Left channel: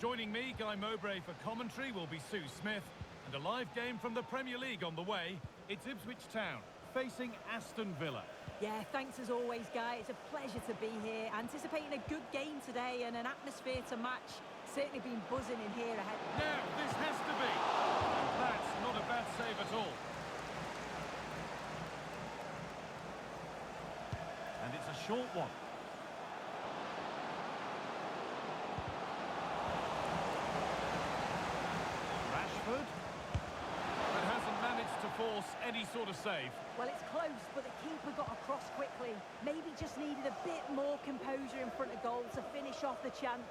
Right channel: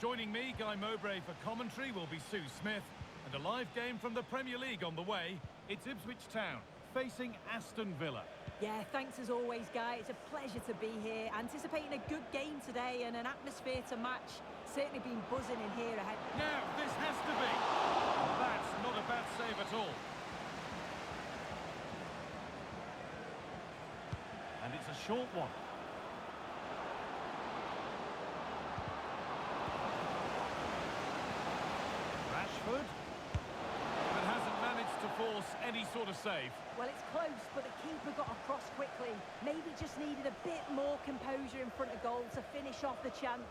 Joining me, Guy Mowbray, for commentary will be Sue Smith. And a live game from the Premier League on the way. It's Ipswich Town facing Aston Villa. Yeah, thanks as always, Guy. It's a pleasure to be here. Anticipating a good game today and an atmosphere to match. Certainly been buzzing in here ahead. Now, this has to be. And that's not a bad save at all. And it's a short one. Rashford, but hasn't managed to force any sort of save. Well, it's close, but the keeper got across quickly. Maybe just needed a bit more composure in front of goal to finish off the chance.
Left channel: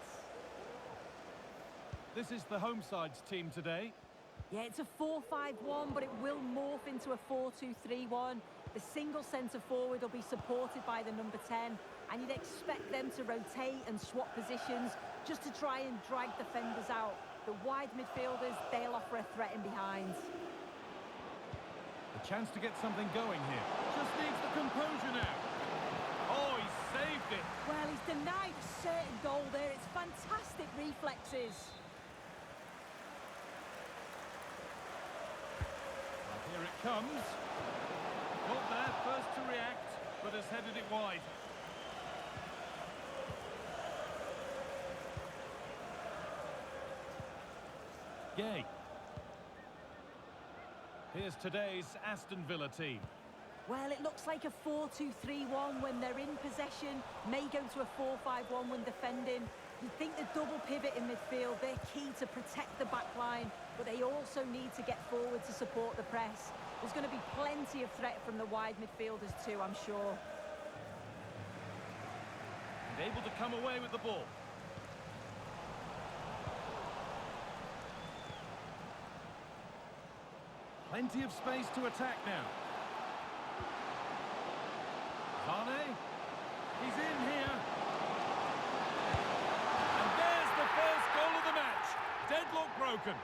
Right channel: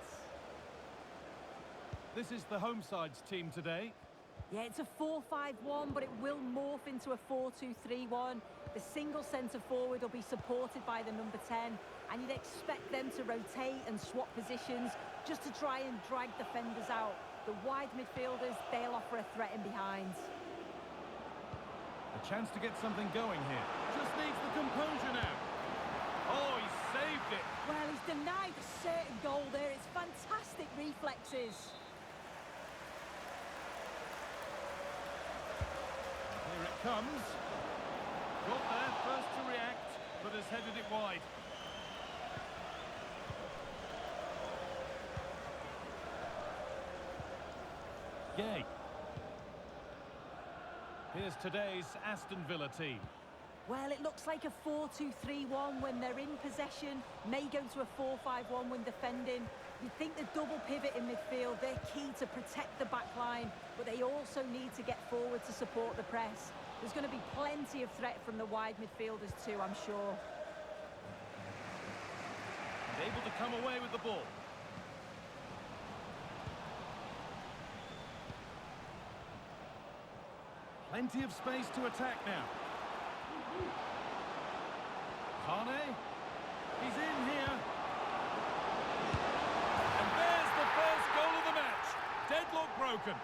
This is the home side's team today. Yeah, it's a 4-5-1, but it will morph into a 4-2-3-1. The single centre-forward will be supported by the number 10, and you'd expect them to rotate and swap positions just to try and drag defenders out. The wide midfielders, they'll offer a threat in behind. A chance to get something going here. Just needs the composure now. Oh, he saved it. Well, he's denied a certain goal there. It's fantastic reflexes. And here it comes. Got there first to react, but has headed it wide. Gay. Here's today's Aston Villa team. Well, it looks like a 4-2-3-1 when they're in possession. May go to a 4-5-1 when defending. You'd think the double pivot in midfield, they're key to protect the back line, but they also need to get forward to support the press. There's going to be plenty of threat from the wide midfielders too, I'm sure. And able to come away with the ball. Plenty of space to attack now. Sane. He's in here. And there's the first goal of the match. Deadlock broken.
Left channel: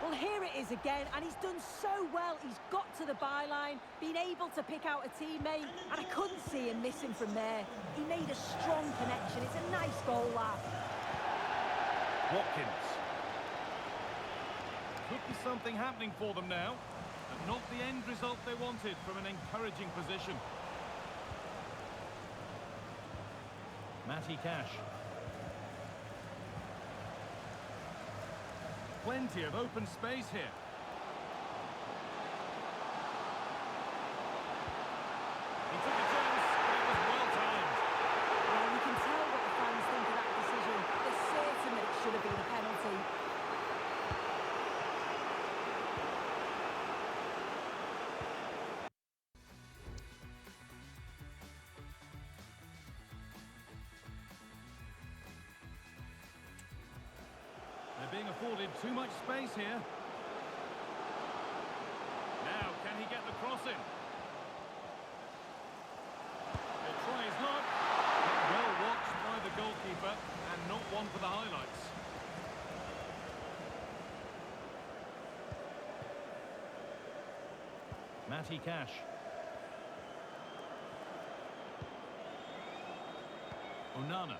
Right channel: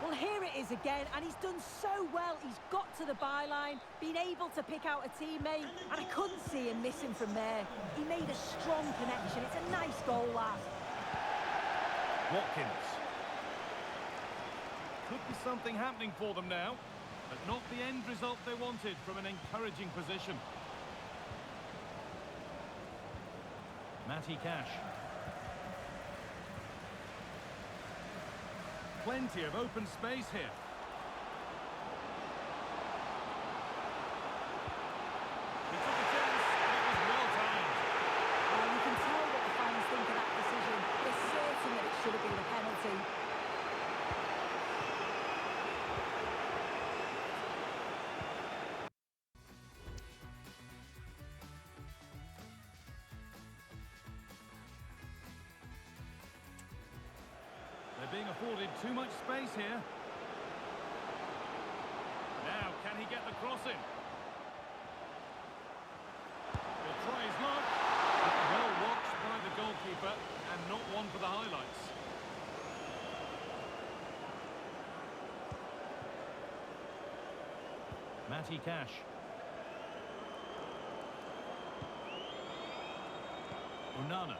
Well, here it is again, and he's done so well. He's got to the byline, been able to pick out a teammate, and I couldn't see him missing from there. He made a strong connection. It's a nice goal, that. Watkins. Could be something happening for them now, but not the end result they wanted from an encouraging position. Matty Cash. Plenty of open space here. He took a chance, but it was well timed. Well, you can tell what the fans think of that decision. They're certain that it should have been a penalty. They're being afforded too much space here. Now, can he get the cross in? He'll try his luck. But well watched by the goalkeeper, and not one for the highlights. Matty Cash. Onana.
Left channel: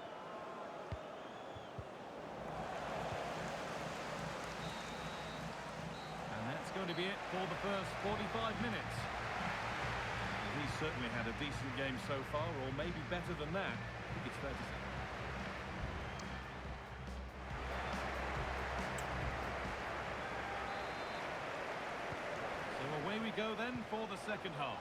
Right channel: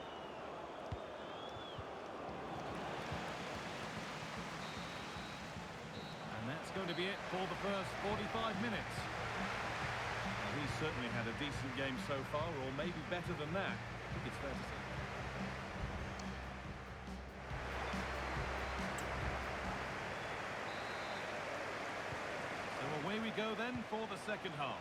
And that's going to be it for the first 45 minutes. Well, he's certainly had a decent game so far, or maybe better than that. I think it's fair to say. So away we go then for the second half.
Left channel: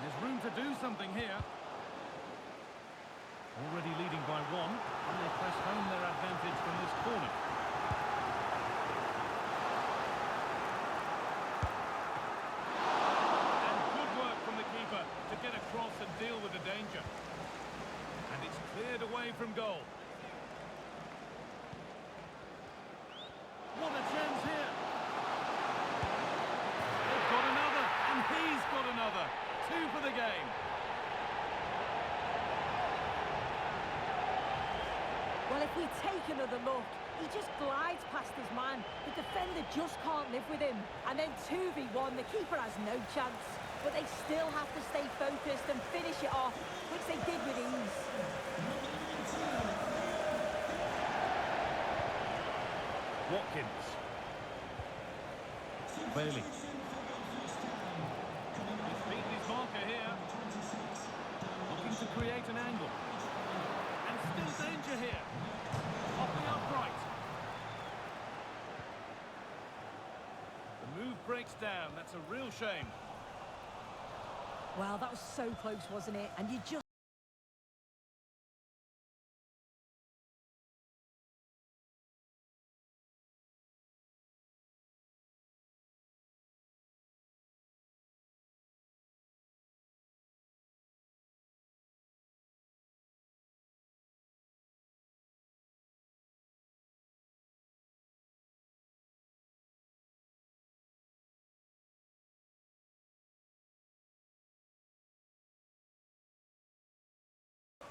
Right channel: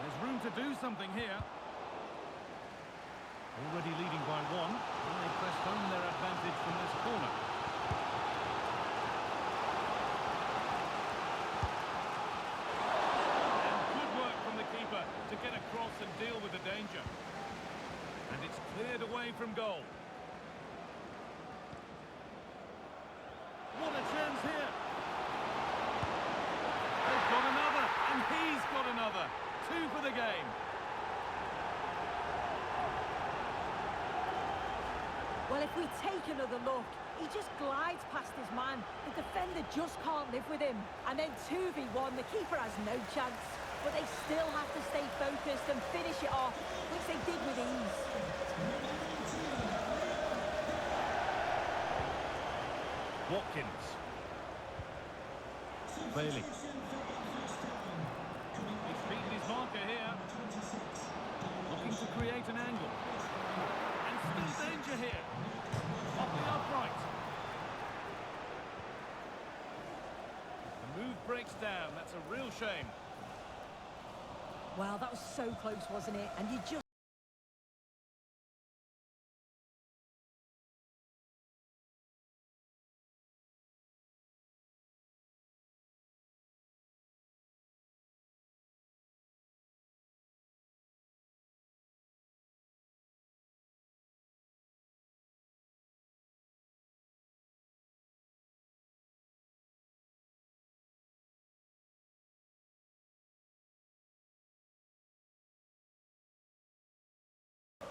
There's room to do something here. Already leading by one, and they press home their advantage from this corner. And good work from the keeper to get across and deal with the danger. And it's cleared away from goal. What a chance here. They've got another, and he's got another. 2 for the game. Well, if we take another look, He just glides past his man. The defender just can't live with him. And then 2v1, the keeper has no chance. But they still have to stay focused and finish it off, which they did with ease. Watkins. Bailey. He's beaten his marker here. Looking to create an angle. And still danger here. Off the upright. The move breaks down. That's a real shame. Well, that was so close, wasn't it? And you just...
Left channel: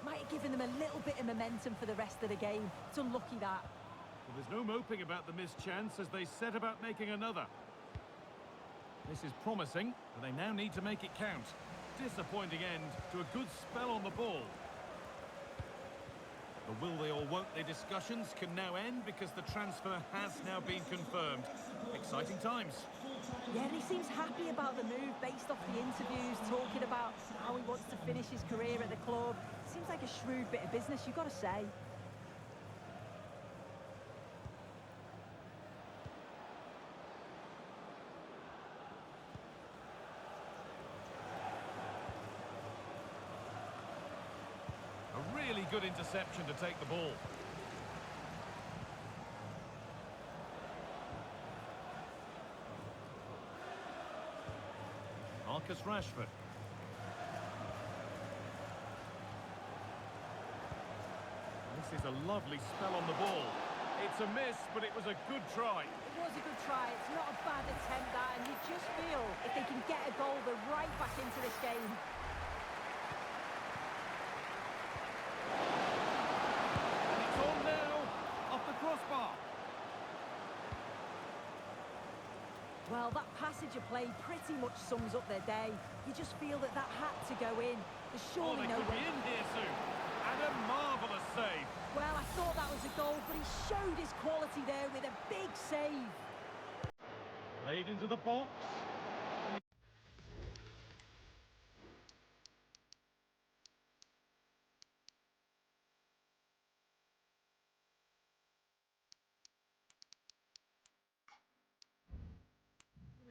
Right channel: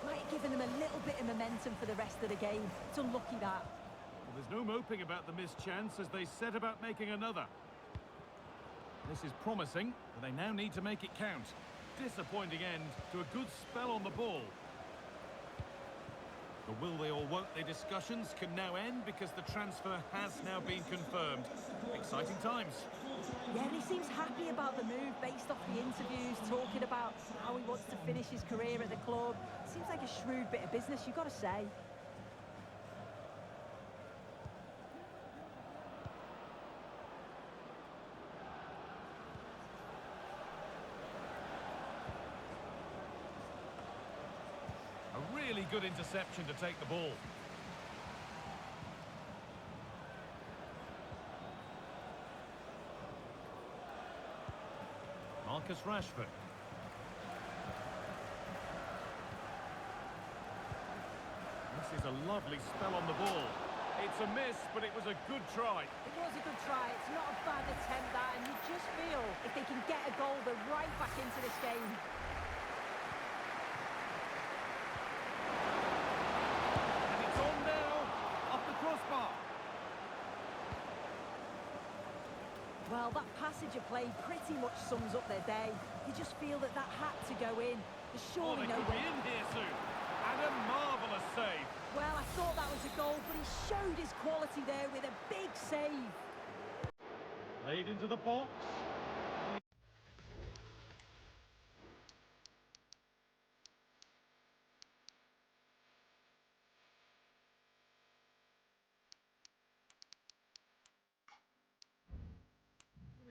might have given them a little bit of momentum for the rest of the game. It's unlucky that. Well, there's no moping about the missed chance as they set about making another. This is promising, but they now need to make it count. Disappointing end to a good spell on the ball. The will they or won't they discussions can now end because the transfer has now been confirmed. Exciting times. Yeah, and he seems happy about the move based off the interviews, talking about how he wants to finish his career at the club. Seems like a shrewd bit of business, you've got to say. A really good interception to take the ball. Marcus Rashford. This is a lovely spell on the ball. It's a miss, but it was a good try. It was a good try. It's not a bad attempt, that, and you just feel if they can get a goal, they're right back into this game. And it's on now, off the crossbar. Well, that passage of play pretty much sums up their day. You just feel that that had to go in. There's surely they no could way. be in here soon. And a marvellous save. Well, I thought that was a goal, but he showed his quality there with a big save. Played into the box.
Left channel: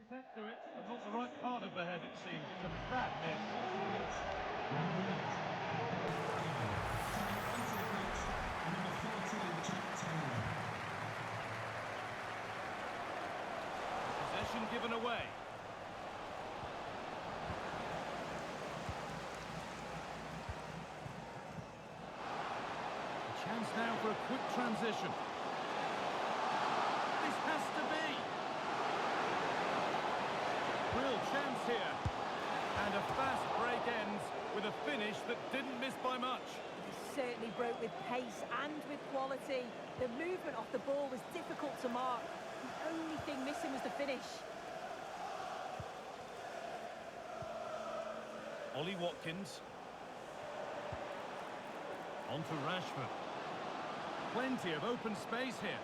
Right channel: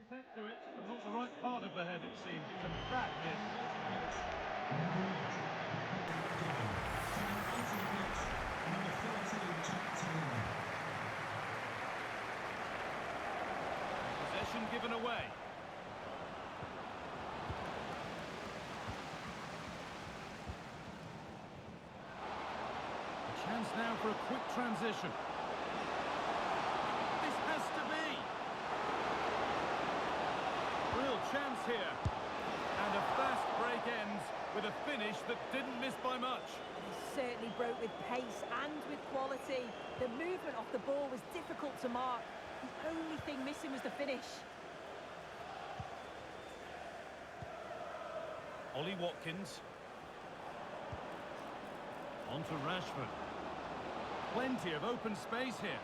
Set to it, but not the right part of the head, it seems. It's a bad miss. Possession given away. A chance now for a quick transition. This has to be. Real chance here. And a fast break ends with a finish that didn't miss by much. He certainly broke with pace and with quality. The movement off the ball was difficult to mark. The only thing missing was the finish. Ollie Watkins. On to Rashford. Plenty of open space here.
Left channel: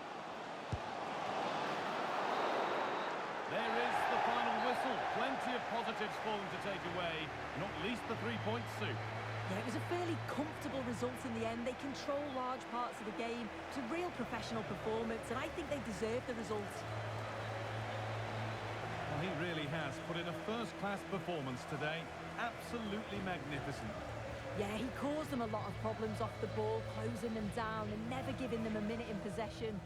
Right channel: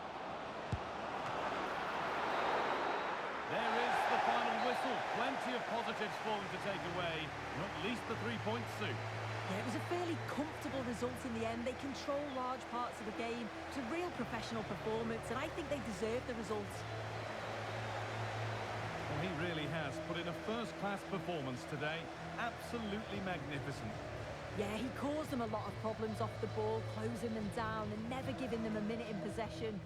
There is the final whistle. Plenty of positives for them to take away, not least the 3 points, Sue. Yeah, it was a fairly comfortable result in the end. They control large parts of the game. It's a real professional performance, and I think they deserve the result. Well, he really has put in a first-class performance today. Absolutely magnificent. Yeah, he caused them a lot of problems off the ball, closing them down and never giving them a minute in possession.